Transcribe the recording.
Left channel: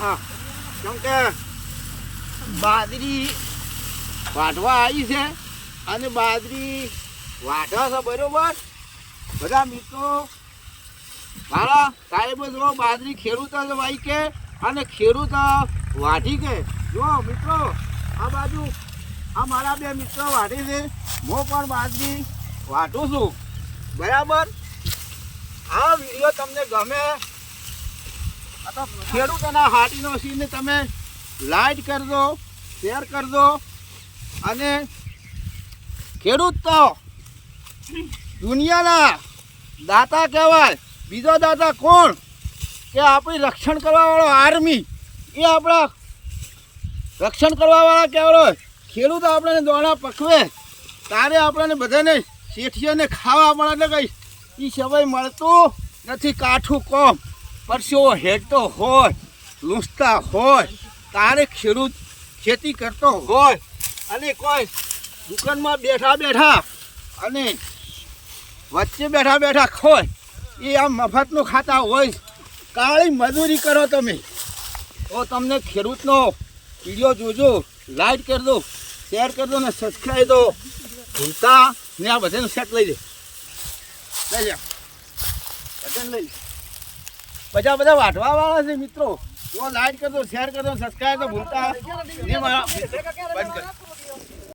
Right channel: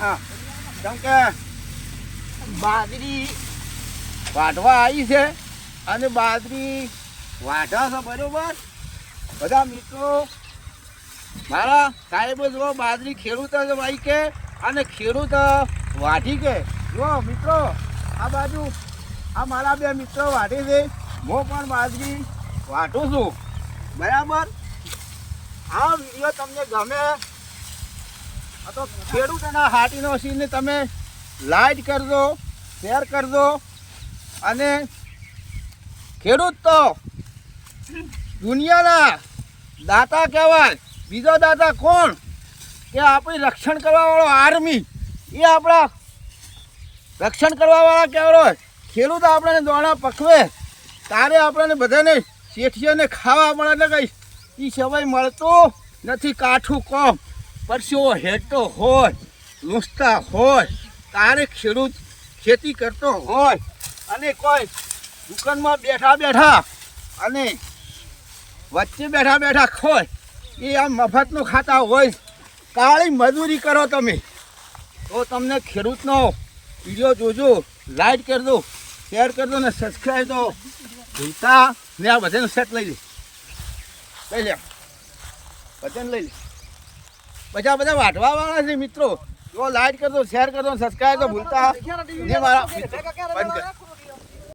હા. કેમ કે બાજરી વાટવા આવી છે અને બાજરી વાટવા છે બરોબર? બધા મિત્રો, મારા સાહેબ જો બાજરી ખેડૂત જ વાઈ કે અને ખેડૂત વાઢી કે? જો મિત્રો, આ બાજુ આ મારા બે મિત્રો વાઢે છે. હું પણ બાજરી વાટું છું. બરાબર? આ વીડિયો તમને ગમે આ તો ખેડૂતોના હાટીનો સીને તમે લાઈક કરજો, શેર કરજો અને ખેડૂત તો દુનિયાના દાતા કહેવાય, બીજો દાતા કોણ? કે આપણી રક્ષણ કરવાવાળો આર્મી, એ આપણા રક્ષણ કરવાવાળા કહેવાય ખેડૂત આપણને દોણા પકવે, તારે આપણને બધાને શેઠીઓને ખાવા મળે ને કંઈ એ સમય મળતું નથી કાઠું કોમ. પરસ્યો હેઠતો હોય, લૂંસતા હોય, તારે ખેડૂત ખેતી કરતો હોય અને કોઈ દુકાનમાં બેઠા બેઠા અને વચ્ચે બેઠા બેઠા ખોય, એ આમ મફતનું ખાતા હોય, કાળી મજૂરી કરો તમે. તો તમને ખેડૂતનો વીડિયો જોજો લાઈક કરી દો શેર કરી દો ને સબસ્ક્રાઈબ દો ભૂલતા ને આ વજન સેટ લઈ લે. લઈ લે. વજન લઈ લે. બધા બધા વાટવા વાળા છે મિત્રો જો લાઈક કરજો શેર કરજો સબસ્ક્રાઈબ તો ભૂલતા નહીં મારા.